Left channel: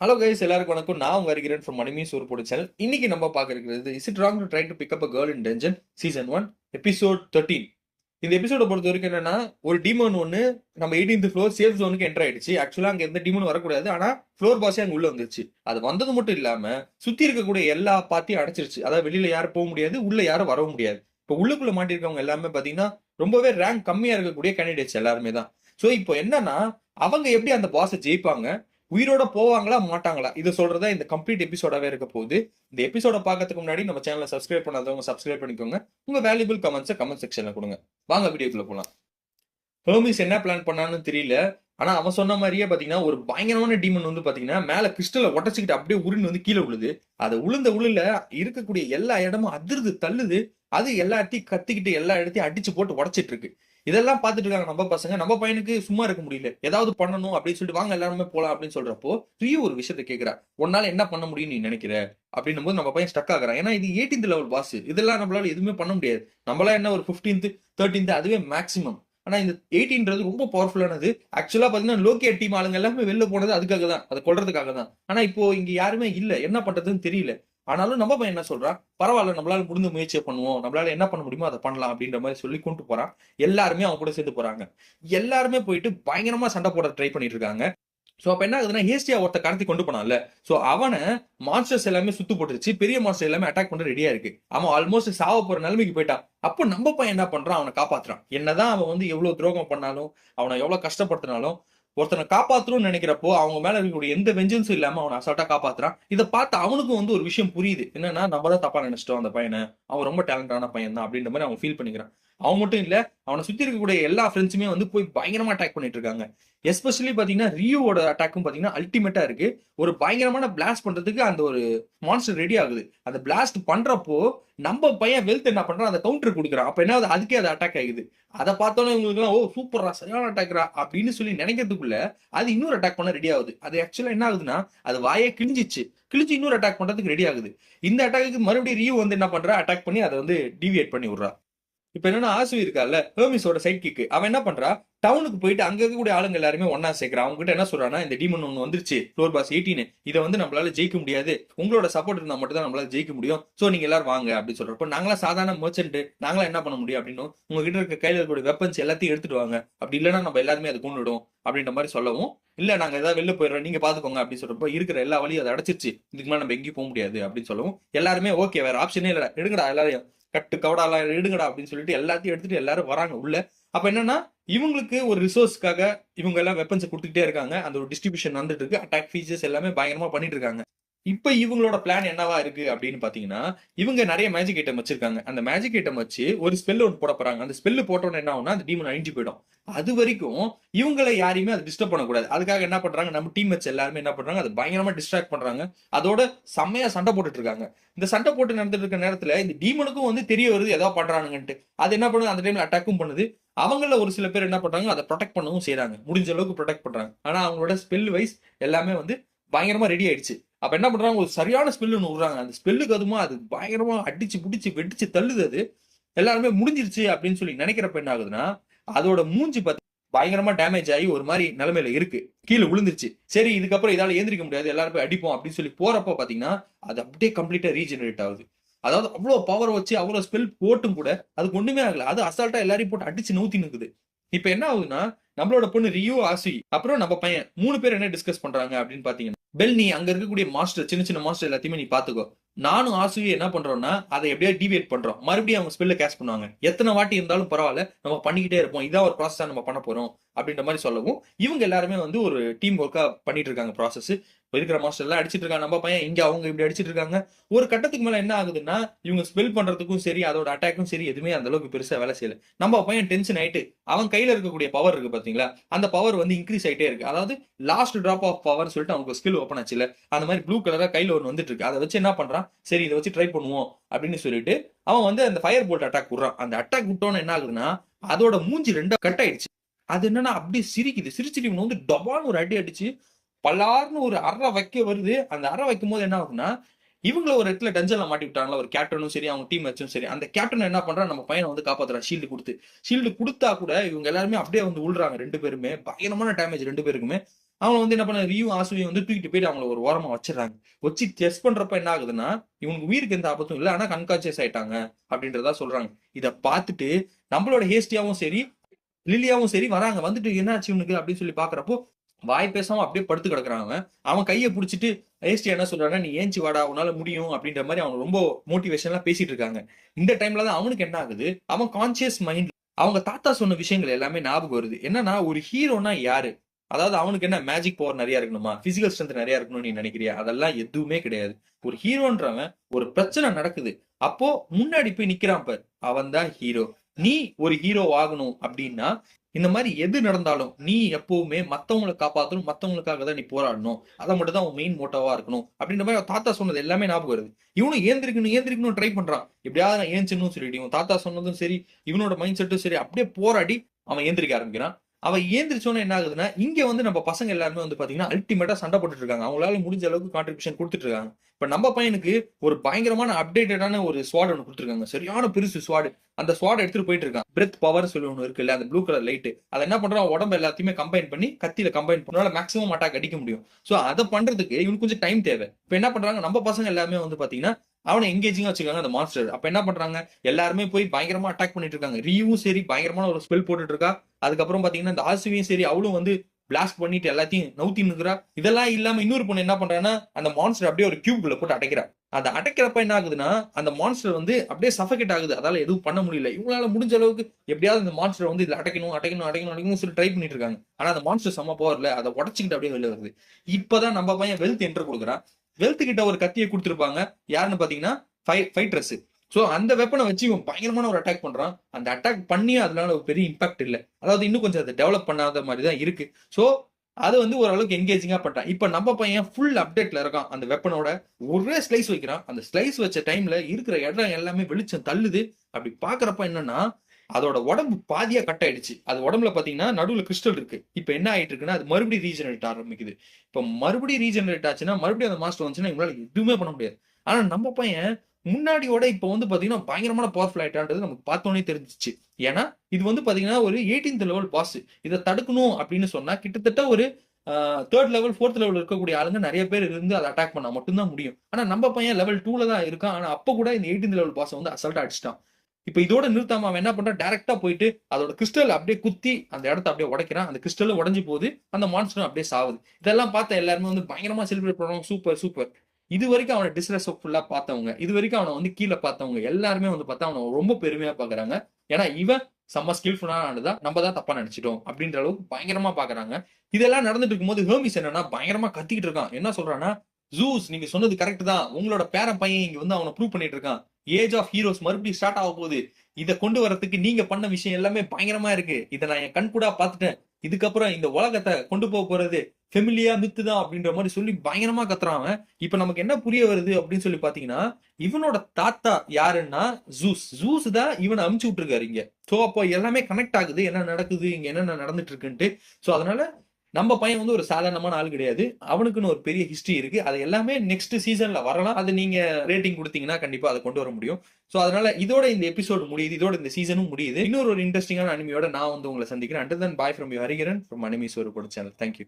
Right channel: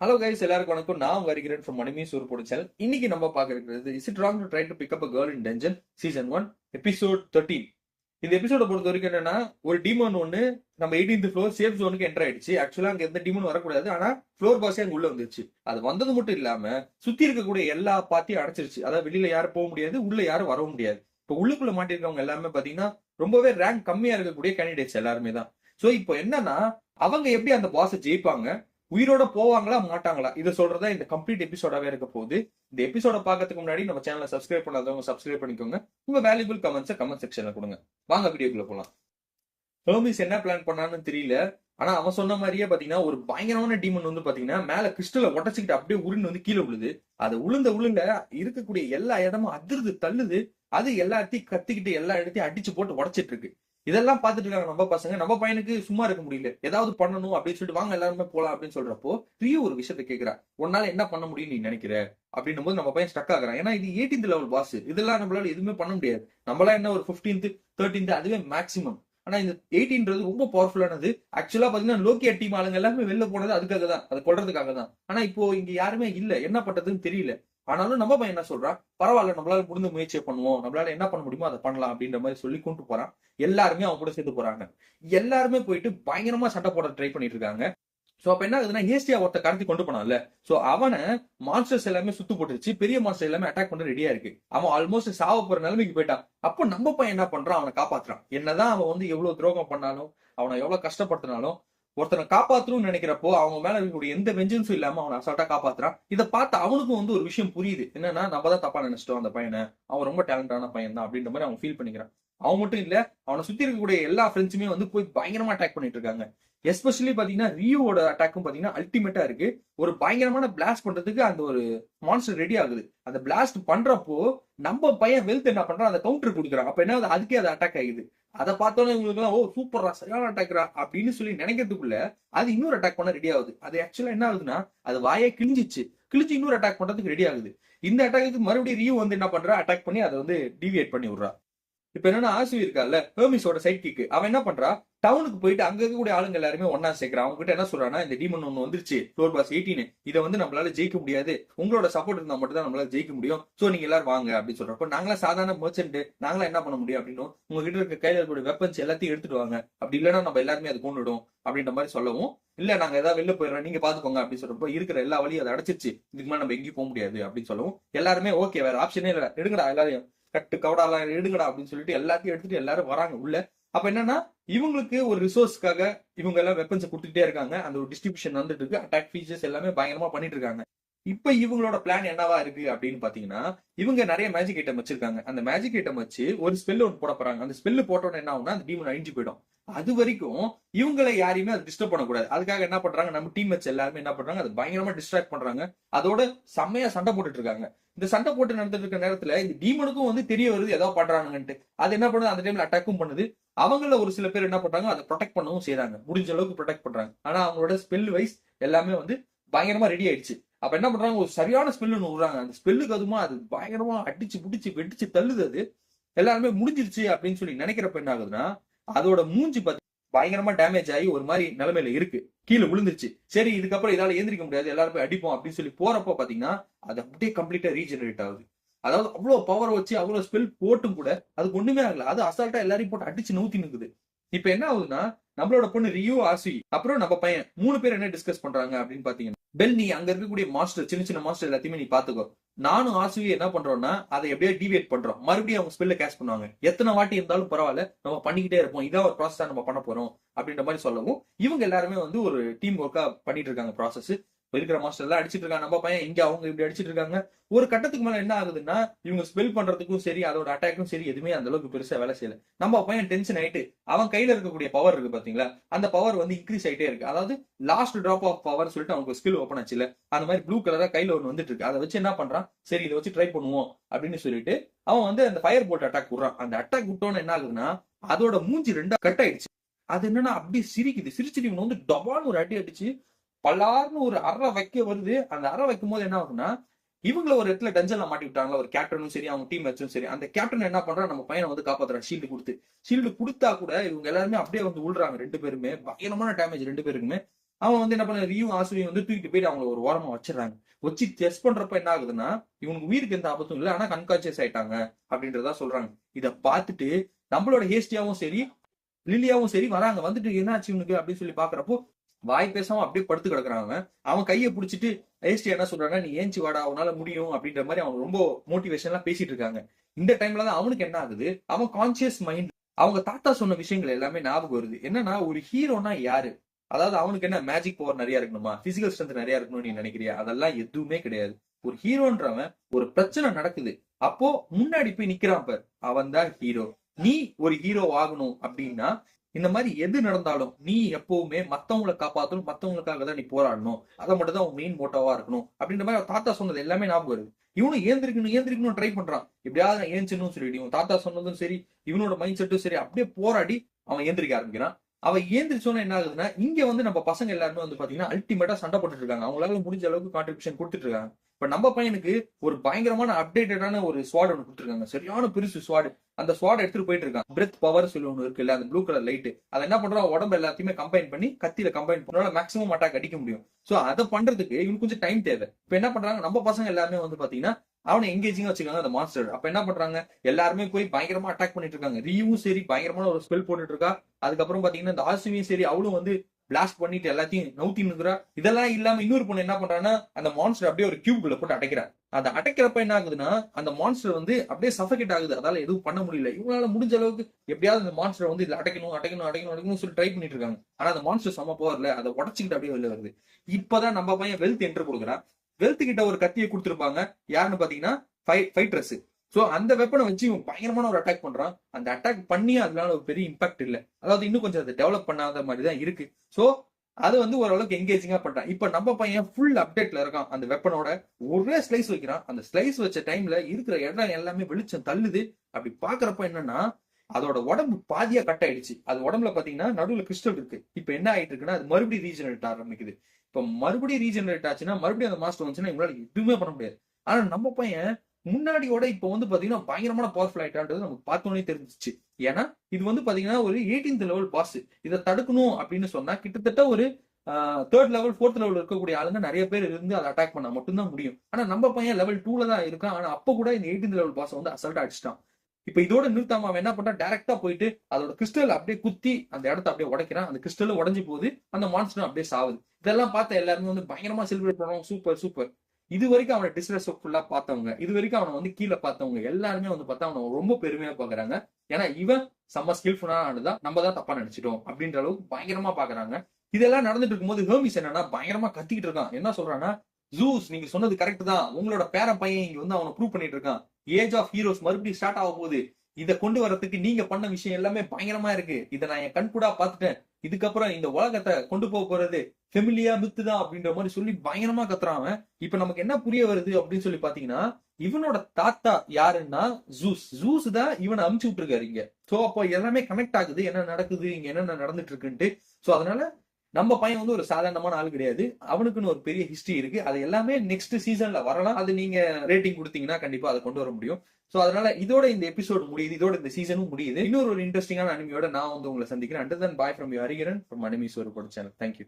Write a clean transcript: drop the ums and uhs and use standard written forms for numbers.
Hello guys, எல்லாருக்கும் வணக்கம். நான் உங்க வருகிறேன் ஃப்ரம் மணிமி சூர்போடு சேனல். இன்னைக்கு நம்ம பார்க்க இருக்கிறது is it wrong to try to pick up a girl in dungeon season 1 episode 13. இந்த எபிசோட பொறுத்த வரைக்கும் என்னன்னா, ஒரு டீமன் ஒன்று நம்ம 18th ஃப்ளோர் சேஃப் ஜோனுக்கு என்டர் ஆயிடுச்சு. ஆக்சுவலா அங்க எந்த டீமன் வரக்கூடாது, ஆனா ஃப்ளோர் பாஸே அங்க உள்ள வந்துருச்சு. அது வந்தது மட்டும் இல்லாம சுத்தி இருக்கக்கூடிய எல்லா பார்ட்டியும் அடைச்சிருச்சு. அதாவது வெளியில யாரும் போக முடியாது, உள்ள யாரும் வரவும் முடியாது. இப்போ உள்ளுக்குள்ள மாட்டிருக்கவங்க எல்லாமே பாத்தீங்கன்னா ரொம்பவே ரேங்க் கம்மியா இருக்கக்கூடிய கேண்டிடேட்ஸ் எல்லாருமே தான். ஸோ இப்போ என்னன்னா, அவங்க எப்படி அந்த பாஸை ஜெயிப்பாங்க, உயிரோட போவாங்களா மாட்டாங்களா, இதை சொல்றதா இந்த கம்ப்ளீட் எபிசோடாவே இருக்க போகுது. இந்த எபிசோட பார்க்கறதுக்கு முன்னாடி நம்ம சேனலை சப்ஸ்கிரைப் பண்ணாதவங்க சப்ஸ்கிரைப் பண்ணிக்கோங்க. உங்க வேல்யூபிள் கமெண்ட்ஸை கமெண்ட் செக்ஷன்ல கொடுங்க. வாங்க வீடியோக்குள்ள போலாம். ஹெர்மிஸ் என்ன பிளான் பண்ணான்னு தெரியல. ஆனா அவன் சொன்ன மாதிரியே பாத்தீங்கன்னா ஒரு பயங்கரமான டீமன் வந்து பாத்தீங்கன்னா மேல கிறிஸ்டலை உடச்சிக்கிட்டு அப்படியே உருண்டு வந்து கீழே விழுது. அது உள்ள இருக்கக்கூடிய எல்லா இடமும் அதிர்ந்து தள்ளுது. அது எல்லா இடத்தையும் கத்திக்கிட்டு எல்லா இடத்தையும் அடிச்சு போட்டு உடச்சிட்டு இருக்கு. இதெல்லாம் பார்த்துட்டு இருக்காங்க நம்ம பசங்க. நம்ம பையனுக்கு சும்மா இருக்க முடியல, ஏதாவது பண்ணணும் அப்படின்னு சொல்லிட்டு வாங்க எல்லாருமே போலாம் அப்படின்னு சொல்றப்போ ரியோ ஒரு விஷயத்த கேட்கிறா. உன்னால என்ன பண்ண முடியும் நீ நினைக்கிற அப்படின்னும் போது நம்ம பையன் ஸ்டக் ஆகுறான். ஏன்னா இது 18th லெவல் பாஸ், இதெல்லாம் நம்மளால எதுவுமே பண்ண முடியாது. நம்மளா என்ன ஒரு 15th 13th அதுவே மேக்ஸிமம். ஆனா இந்த 18ன்றது ரொம்ப பவர்ஃபுல்லானது. ஆக்சுவலா பாத்தீங்கன்னா லோக்கியா டீம் ஆளுங்க எல்லாமே வெளில போனது அதுக்காக தான், அது கொல்றதுக்காக தான். ஆனா இப்போ இங்க யாருமே இல்ல, என்ன பண்றதுன்னு தெரியல. ஆனாலும் நம்ம பையன் என்ன சொல்றான், பரவாயில்ல நம்மளால முடிஞ்ச முயற்சியை பண்ணுவோம், நம்மளால என்ன பண்ண முடியுமோ அதை பண்ணலாம் அப்படின்ற மாதிரி சொல்லி கொண்டு போறான். எல்லாருமே அவங்க கூட சேர்த்து போறாங்க. எல்லாருமே போயிட்டு பயங்கரமா சண்டை போட ட்ரை பண்ணிட்டு இருக்காங்க. சோ அப்ப என்ன ஆகுதுன்னா, ஹேஸ்டியா ஒருத்த கடத்தி கொண்டு போனான்ல, சோ அவனை மான்ஸ்டர்ஸ் எல்லாமே சுத்து போட்டுருச்சு. பெரிய மான்ஸ்டர் எல்லாமே அட்டாக் பண்ண ரெடியா இருக்கு. அவன் ஆல்மோஸ்ட் சாவ போற நிலைமைக்கு போயிட்டான். அப்போ நம்ம பையன் என்ன பண்றான், அவனை காப்பாத்துறான். என்னதான் அவன் வந்து எவ்வளவு துரோகம் பண்ணாலும், அவனை எவ்வளவு கஷ்டப்படுத்தினாலும், ஒருத்தனை காப்பாத்தணும்னு நினைக்கிறப்போ அவங்க மேல இருக்கக்கூடிய எந்த வெஞ்சன்ஸும் இல்லாம அவனை அசால்ட்டா காப்பாத்துறான். இதை பார்த்து அவனுக்கும் வந்து ஒரு விஷயம் புரியுது. என்னன்னா, நம்ம தான் தப்பா நினைச்சிட்டோம் அந்த பையனை, அவன் ரொம்ப டேலண்டான பையன் தான் அப்படின்ற மாதிரி அவன் ஃபீல் பண்ணிக்கிறான். அவன் மட்டும் இல்ல, அவனை சுத்தி இருக்கக்கூடிய எல்லா ஃப்ரெண்ட்ஸுமே வந்து போய் பயங்கரமா அட்டாக் பண்ணிட்டு இருக்காங்க. எஸ்பெஷலி பாத்தீங்கன்னா ரியோவோட அட்டாக்கும் பாத்தீங்கன்னா அல்டிமேட்டா இருக்கு. ஒரு பயங்கரமான பிளாஸ்ட் பண்றதுக்கு அந்த ஒரு மான்ஸ்டர் ரெடி ஆகுது. அந்த பிளாஸ்ட் பண்றப்போ நம்ம பையன் வெல்த் என்ன பண்றான், அந்த கவுண்டர் கொடுக்குறான். அப்ப என்ன ஆகுது, அதுக்கே அது அட்டாக் ஆகுது. அதை பார்த்தோன்னே உங்களுக்கு எல்லாம் ஓ சூப்பரா சரியான அட்டாக்ரா அப்படின்னு சொல்லி நினைக்கிறதுக்குள்ள அது இன்னொரு அட்டாக் பண்ண ரெடி ஆகுது. அது ஆக்சுவலா என்ன ஆகுதுன்னா, அது வாயே கிழிஞ்சிச்சு, கிழிஞ்சு இன்னொரு அட்டாக் பண்றதுக்கு ரெடி ஆகுது. இந்த அட்டாக்கு மறுபடியும் ரியூ வந்து என்ன பண்றா, அட்டாக் பண்ணி அதை வந்து டிவியேட் பண்ணி விடுறா. இப்ப என்னன்னா, ஆசு இருக்கால ஹெர்மிஸோட சைட் கிக், அவன் என்ன பண்றா, டவுனுக்கு போயிட்டு அங்க இருக்கக்கூடிய ஆளுங்க எல்லாருமே ஒன்னா சேர்க்கிறான். அவங்க கிட்ட என்ன சொல்றான்னா, இந்த டீமன் ஒன்று வந்துருச்சு, ஃப்ளோர் பாஸ் 18, இதை வந்து நம்மளால ஜெயிக்க முடியாது, உங்களோட சப்போர்ட் இருந்தா மட்டும் தான் நம்மளால ஜெயிக்க முடியும், சோ நீங்க எல்லாரும் வாங்க அப்படின்னு சொல்றப்ப, நாங்களா சாதாரண மர்ச்சன்ட், நாங்களா என்ன பண்ண முடியும் அப்படின்னு, உங்ககிட்ட இருக்க கையில இருக்கக்கூடிய வெப்பன்ஸ் எல்லாத்தையும் எடுத்துட்டு வாங்க, அப்படி இல்லைன்னா நம்ம எல்லாருமே அதை கொண்டுடும் அப்படின்ற மாதிரி சொல்லவும், இல்ல நாங்க ஏதாவது வெளில போயிடுறோம் நீங்க பாத்துக்கோங்க அப்படின்னு சொல்றப்ப, இருக்கிற எல்லா வழியும் அதை அடைச்சிருச்சு, இதுக்கு மேலே நம்ம எங்கேயும் போக முடியாது அப்படின்னு சொல்லவும், எல்லாருமே ஓகே வேற ஆப்ஷனே இல்லை, எடுங்கடா எல்லாரையும் கட்டு கவடாலாம் எடுங்கடா அப்படின்னு சொல்லிட்டு எல்லாத்தையும் எடுத்துட்டு எல்லாரும் வராங்க உள்ள. அப்ப என்னன்னா, இவங்களுக்கு ஒரு ரிசோர்ஸ்க்காக இவங்க எல்லாம் வெப்பன்ஸ் கொடுத்துட்டே இருக்காங்க. அந்த ஒரு டிஸ்ட்ரிபியூஷன் வந்துட்டு இருக்கு. அட்டாக் ஃபீச்சர்ஸ் எல்லாமே பயங்கரமா பண்ணிட்டு இருக்காங்க. இப்ப இவங்களோட பிளான் என்னவா இருக்கு அப்படின்னு பாத்தீங்கன்னா, இவங்க நிறைய மேஜிக் ஐட்டம் வச்சிருக்காங்க. அந்த மேஜிக் ஐட்டம் வச்சு ஒரு ஸ்பெல் ஒன்று போட போறாங்க. அந்த ஸ்பெல் போட்டோன்னு என்ன ஆகும்னா, அந்த டீமன் அழிஞ்சு போயிடும். அது வரைக்கும் இவங்களை யாரையுமே அது டிஸ்டர்ப் பண்ணக்கூடாது. அதுக்காக என்ன பண்றாங்க, நம்ம டீம் வச்சு எல்லாருமே என்ன பண்றாங்க, அது பயங்கரமா டிஸ்ட்ராக்ட் பண்றாங்க. அதோட செம்மையா சண்டை போட்டுட்டு இருக்காங்க. இந்த சண்டை போட்டு நடந்துட்டு இருக்க நேரத்துல இந்த டீமனுக்கும் வந்து தெரிய வருது ஏதோ பண்றானுங்கன்ட்டு. அது என்ன பண்ணுது, அந்த டைம்ல அட்டாக்கும் பண்ணுது. அவங்கள ஒரு சில பேர் என்ன பண்றாங்க, அதை ப்ரொடெக்ட் பண்ணவும் செய்யறாங்க. முடிஞ்ச அளவுக்கு ப்ரொடெக்ட் பண்றாங்க. ஆனா அவங்களோட ஸ்பெல் வைஸ் எல்லாமே வந்து பயங்கரமா ரெடி ஆயிடுச்சு. அப்ப என்ன பண்றாங்க, ஒரு சரியான ஸ்பெல் ஒன்று விடுறாங்க. அந்த ஸ்பெல்லுக்கு அதுமா அது பயங்கரமா அடிச்சு புடிச்சு வெடிச்சு தள்ளுது. அது எல்லாருமே முடிஞ்சிருச்சு அப்படின்னு சொல்லி நினைக்கிறப்ப என்ன ஆகுதுன்னா, அதோட மூஞ்சி பார்த்து பயங்கரமா டேமேஜ் ஆகி ஒரு மாதிரி நிலைமையில இருக்கு, கீழே விழுந்துருச்சு. சரி இதுக்கப்புறம் இதால ஏந்திரிக்க முடியாது, எல்லாரும் போய் அடிப்போம் அப்படின்னு சொல்லி போறப்போ பாத்தீங்கன்னா, அது அப்படியே கம்ப்ளீட்டா ரீஜெனரேட் ஆகுது. அதாவது அவ்வளவு பவர் வச்சு அவ்வளவு ஸ்பெல் போட்டும் கூட அதுக்கு ஒண்ணுமே ஆகல. அது அசால்ட்டா எல்லாரையும் போட்டு அடிச்சு நவுத்தி நிக்குது. இப்ப என்ன ஆகுதுன்னா, நம்மளோட பொண்ணு ரியோ, ஆசி, அப்புறம் நம்ம பையன் 3 பேர் என்ன டிஸ்கஸ் பண்றாங்க அப்படின்னு பாத்தீங்கன்னா, பெல் நீ அங்க இருக்கக்கூடிய மாஸ்டர், சின்ன சின்ன மாஸ்டர் எல்லாத்தையுமே நீ பாத்துக்கோ. நானும் ஆசுவி என்ன பண்றோம்னா, அதை எப்படியா டிவியேட் பண்றோம். மறுபடியும் அவங்க ஸ்பெல்ல கேஷ் பண்ணுவாங்க. எத்தனை வாட்டி இருந்தாலும் பரவாயில்ல, நம்ம பண்ணிக்கிட்டே இருப்போம். இதான் ஒரு ப்ராசஸா நம்ம பண்ண போறோம் அப்படின்ற மாதிரி சொல்லவும், இவங்க எல்லாருமே வந்து ஒரு டீம் ஒர்க்கா பண்ணிட்டு இருக்காங்க ப்ராசஸ். இருக்கிற மாஸ்டர் எல்லாம் அடிச்சிட்டு இருக்காங்க. நம்ம பையன் இங்க அவங்க இப்படி அடிச்சிட்டு இருக்காங்க. ஒரு கட்டத்துக்கு மேல என்ன ஆகுதுன்னா, இவங்க ஸ்பெல் பண்றதுக்கும் சரி, அதோட அட்டாக்கும் சரி, எதுவுமே அந்த அளவுக்கு பெருசா வேலை செய்யல. நம்ம பையன் டென்ஷன் ஆயிட்டு, அவன் கையில இருக்கக்கூடிய பவர் இருக்கு பாத்தீங்களா, அந்த பவர் வந்து இன்க்ரீஸ் ஆயிட்டே இருக்கு. அதாவது லாஸ்ட் டிராப் ஆஃப் பவர் சொல்லிட்டு அவனுக்கு ஸ்கில் ஓப்பன் ஆச்சுல, அந்த மாதிரி ப்ளூ கலரா கையில ஒன்று வந்துட்டு இருக்கு. அதை வச்சு என்ன பண்றான், சரி இதை வச்சு ட்ரை பண்ணுவோம் அப்படின்னு சொல்லிட்டு அவன் வந்து அந்த ஃபயர் போல்ட் அட்டாக் விடுறான். அந்த அட்டாக் விட்டோன்னு என்ன ஆகுதுன்னா, அதோட மூஞ்சி ரெண்டா கட் ஆயிடுச்சு. அது என்னன்னா அப்படியே சிரிக்குது. சிரிச்சிட்டு இவன் வந்து டபான்னு ஒரு அடி அடிச்சு பல்லார்னு ஒரு அறை வைக்க வருது. அந்த அறை வைக்கும் போது என்ன ஆகுதுன்னா, இவங்கள ஒரு இடத்துல டஞ்சன்ல மாட்டி விட்டாங்களா, ஒரு கேப்டனும் சரி அவங்க டீம் மேட்சும் சரி, அந்த கேப்டன் என்ன பண்றான், நம்ம பையனை வந்து காப்பாத்துறான் ஷீல்டு கொடுத்து. ஷீல்டு கொடுத்தா கூட இவங்க எல்லாருமே அப்படியே வந்து உள்றாங்க. ரெண்டு பேருமே பயங்கரமான டேமேஜ் ரெண்டு பேருக்குமே. அவங்க வந்து என்ன பண்ண ரியூ ஆசுவையும் வந்து தூக்கிட்டு போயிட்டு அவங்கள ஒரு ஓரமா வச்சிடறாங்க. வச்சு டெஸ்ட் பண்றப்ப என்ன ஆகுதுன்னா, இவனுக்கு உயிருக்கு எந்த ஆபத்தும் இல்ல. ஆனா அன்கான்ஷியஸ் ஆயிட்டாங்க அப்படின்றதா சொல்றாங்க. இத பார்த்துட்டு நம்மளோட ஹேஸ்டியாவும் சரி, லிலியாவும் சரி வராங்க. வந்துட்டு என்ன ஆச்சு இவனுக்கு அப்படின்னு சொல்லி பார்க்கறப்போ, வாய் பேசாம அப்படியே படுத்து கிடக்குறான் அவன். அவன் கைய புடிச்சிட்டு ஹேஸ்டியா என்ன சொல்றான்னா, "நீ ஏந்திச்சு வாடா, உன்னால முடியும்" அப்படின்ற மாரி அவன ரொம்ப மோட்டிவேஷனலா பேசிட்டு இருக்காங்க. இந்த டைம்ல தான் அவனுக்கு என்ன ஆகுது, அவன் கான்ஷியஸ் மைண்ட் அவங்க தாத்தா சொன்ன விஷயங்கள் எல்லாமே ஞாபகம் வருது. என்னன்னா, ஒரு ஹீரோனா யாரு? அதாவது அவனுக்கு என்ன மேஜிக் பவர் நெறைய இருக்கணுமா? பிசிக்கல் ஸ்ட்ரென்த் நெறைய இருக்கணும்னு நீ நெனைக்கிறியா? அதெல்லாம் எதுவுமே கிடையாது. ஒரு ஹீரோன்றவன் ஒரு பிரச்சனை நடக்குது. அப்போ முன்னாடி போய் நிக்கிறான் பாரு. அவன் தான் ஹீரோ. நீ ஒரு ஹீரோ ஆகணும் அப்டின்னா, இந்த மாரி எது நடந்தாலும் நீ எப்பவுமே மத்தவங்கள காப்பாத்தணும், மத்தவங்களுக்காக தான் நீ போராடணும். அத மட்டும் தான் உன் மெயின் மோட்டோவா இருக்கணும். அப்டின்ற மாரி தாத்தா சொன்னது எல்லாமே ஞாபகம் வருது. இவனும் ஏந்திரிக்கணும், ஏந்திரிக்கணும் ட்ரை பண்றான். எப்படியாவது நான் ஏந்திச்சிடணும்னு சொல்லிட்டு, இவன் தாத்தா சொன்னதும் சரி, இவனோட மைண்ட் செட்டும் சரி, அப்படியே போராடி அவன் ஏந்திரிக்க ஆரம்பிக்கிறான். அவன் ஏந்திரிச்சோனே என்ன ஆகுதுன்னா, இங்க வந்து நம்ம பசங்க எல்லாருமே வந்து பாத்தீங்கன்னா, அல்டிமேட்டா சண்டை போட்டுட்டு இருக்காங்க. அவங்களால முடிஞ்ச அளவுக்கு கான்ட்ரிபியூஷன் குடுத்துட்டு இருக்காங்க. இப்ப நம்ம பையனுக்கு ஒரு பயங்கரமான அப்டேட்டடான ஒரு ஸ்வாட் ஒண்ணு குடுத்துருக்காங்க. சரியான பெருசு ஸ்வாட். அந்த ஸ்வாட் எடுத்துட்டு போயிட்டு இருக்கான். பிரெத் பவர் சொல்லி ஒண்ணு இருக்குல்ல, அந்த ப்ளூ கலர் லைட். அத என்ன பண்றான், உடம்பு எல்லாத்தையுமே கம்பைன் பண்ணி கத்தியில கம்பைன் பண்ணனால மேக்ஸிமம் அட்டாக் அடிக்க முடியும். சோ அத பண்றதுக்கு இவனுக்கு கொஞ்சம் டைம் தேவை. இப்ப என்ன பண்றாங்க, நம்ம பசங்க எல்லாமே வந்து பாத்தீங்கன்னா, அவன எங்கேஜிங்கா வச்சிருக்காங்க அந்த மான்ஸ்டர். அப்ப என்ன பண்றாங்க, எல்லாருமே போய் பயங்கரமா அட்டாக் பண்ணிட்டு இருக்காங்க. ரியூவும் சரி பயங்கரமான ஒரு ஸ்பெல் போட்டுட்டு இருக்கா. அதுக்கப்புறம் பாத்தீங்கன்னா, இந்த ஆசுவியும் சரி அவளும் வந்து பிளாஸ்ட் பண்ணிட்டு எல்லாத்தையும் நவுத்தின்னு இருக்கிறா. இதெல்லாம் இல்லாம இன்னொரு பொண்ணு என்ன பண்றான்னா, அந்த மான்ஸ்டர் அப்படியே ஒரு கியூப்குள்ள போட்டு அடைக்கிறா. அந்த அடைக்கிறப்ப என்ன ஆகுதுன்னா, அந்த மான்ஸ்டர் வந்து அப்படியே சஃபகேட் ஆகுது. அதால எதுவும் பண்ண முடியல. இவங்களால முடிஞ்ச அளவுக்கு எப்படியாவது அந்த மான்ஸ்டர் வந்து இதுல அடைக்கணும், அடைக்கணும், அடைக்கணும், அடைக்கணும்னு சொல்லி ட்ரை பண்ணிட்டு இருக்காங்க. ஆனா அந்த மான்ஸ்டர் செம்ம பவர்ல அத உடைச்சுக்கிட்டு அப்படியே வெளில வருது. இப்பதான் நம்ம பையன் வெல்த் என்டர் குடுக்குறான். வெல்த் கிட்ட ஒரு கத்திய குடுத்திருப்பாங்க. யாருன்னு பாத்தீங்கன்னா, ஃபைட்ரஸ். சோ அந்த வெப்பன வச்சு இவன் பயங்கரமான ஒரு அட்டாக் பண்றான். அந்த அட்டாக் பண்ணியும் அதனால ஒரு பெரிய இம்பாக்ட் இல்ல. அதாவது இன்னும் கொஞ்சம் அத டெவலப் பண்ணாத மாரி தான் இருக்கு. சோ அது வந்து ஓரளவுக்கு என்கேஜிங்கா பண்றான். இப்ப நம்ம பையன் ஃபுல் அப்டேட்ல இருக்கான். அந்த வெப்பனோட ஒரே ஸ்லைஸ் வைக்கிறான். அந்த ஸ்லைஸ் வச்ச டைம்ல இருக்கிற இடம் எல்லாமே வெளிச்சம் தள்ளுது. அப்படி பார்க்கறப்ப என்னன்னா, அதோட உடம்பு பாதியா கட் ஆயிடுச்சு. அது உடம்புல பார்த்தீங்கன்னா, நடுவுல கிறிஸ்டல் இருக்கு. இப்ப என்ன ஆயிட்டு இருக்குன்னா, அது மறுபடியும் ரீஜெனரேட் ஆரம்பிக்குது. இப்ப மறுபடியும் ரீஜெனரேட் ஆச்சுன்னா, மறுபடியும் அந்த மாஸ்டர் வந்துச்சுன்னா, இவங்களால எதுவுமே பண்ண முடியாது. ஆனா நம்ம பையன் முன்னாடியோட இப்ப வந்து பார்த்தீங்கன்னா, பயங்கரமான பவர்ஃபுல் ஆயிட்டான்றது நமக்கு பார்த்தோனே தெரிஞ்சுச்சு. ஏன்னா, இது வந்து பார்த்தீங்கன்னா, ஒரு 18த் லெவல் பாஸ். இத தடுக்கணும் அப்படின்னு சொன்னா, கிட்டத்தட்ட ஒரு 3 லெவல், 4த் லெவல் இருக்கக்கூடிய ஆளுங்க நெறைய பேர் இருந்து அத அட்டாக் பண்ணா மட்டும் தான் முடியும். ஆனா நம்ம பையன் லெவல் 2ல தான் இருக்கான். ஆனா அப்ப கூட இந்த 18த் லெவல் பாஸ வந்து அசால்ட்டா அடிச்சுட்டான். இப்ப இதோட நிறுத்தாம அவன் என்ன பண்றான், டைரக்ட்டா போயிட்டு அதோட கிறிஸ்டல் அப்படியே குத்தி அந்த இடத்த அப்படியே உடைக்கிறான். அந்த கிறிஸ்டலும் உடைஞ்சு போகுது. அந்த மான்ஸ்டரும் அப்படியே சாவுது. இதெல்லாம் பார்த்த எல்லாருமே வந்து பயங்கரமா செலிப்ரேட் பண்ணுவாங்க. Super, super. இதுவரைக்கும் அவன டிஸ்ரெஸ்பெக்ட்ஃபுல்லா பார்த்தவங்க, இதுவரைக்கும் அவன வந்து கீழ பார்த்தவங்க எல்லாருமே வந்து பார்த்தா அவன ரொம்ப பெருமையா பார்க்குறாங்க. ஏன்னா இவன் செம்ம ஸ்கில்ஃபுல்லான ஆளு தான். நம்ம தான் தப்பா நெனச்சுட்டோம். அப்படின்ற அளவுக்கு பயங்கரமா பார்க்குறாங்க. இதெல்லாம் நடந்துட்டு இருக்கும்போது ஹெர்மிஸ் என்னன்னா பயங்கரமா கத்திக்கிட்டு இருக்கான். என்ன சொல்றான்னா, "ஜூஸ் நீங்க சொன்னது கரெக்ட் தான். உங்களோட பேரன் பையன் இங்க வந்து அவன ப்ரூவ் பண்ணிட்டு இருக்கான். ஏஜ் ஆஃப் ஹீரோஸ் மறுபடியும் ஸ்டார்ட் ஆக போகுது. இத கொண்டு வரதுக்கு நீங்க பண்ண விஷயம் எல்லாமே பயங்கரமா இருக்கு. இத நான் என் கண்கூடா பார்த்துட்டேன். இதுக்கப்புறம் இந்த உலகத்த கொண்டு போறது ஃபெமிலியா மித்து தான் அப்படின்ற மாரி சொல்லி பயங்கரமா கத்துறான் அவன். இப்ப நமக்கு என்ன புரிய வருது அப்படின்னு சொல்லி பார்த்தீங்கன்னா, இவனோட தாத்தா யாருன்னா ஜூஸ். ஜூஸ் தான் இவன அனுப்பிச்சு விட்டுருக்காரு இங்க. சோ அப்போ எல்லாமே கனெக்ட் ஆகுது. என்ன நடக்குது? இங்க என்னென்ன நடந்துட்டு இருக்குன்ட்டு. சோ அதனால நம்ம பையன் வந்து ஒரு சாதாரணமான ஆள் கிடையாது. அவனுக்குன்னு ஒரு பெரிய ஹிஸ்டரி இருக்கு. அது எல்லாமே நெக்ஸ்ட் சீசன்ல வரலாம். அது நீங்க ரேட்டிங் குடுத்தீங்கன்னா கண்டிப்பா அத கொண்டு வர முடியும். சோ அதனால இதோட இந்த எபிசோட் முடியுது. இதோட இந்த சீசனும் முடியுது. இன்னொரு ஒரு இன்ட்ரஸ்டிங்கான அனிமியோட நான் வந்து உங்கள சந்திக்கிறேன். Until then bye from you Hariharan from anime சோறு போடு சேனல். Thank you.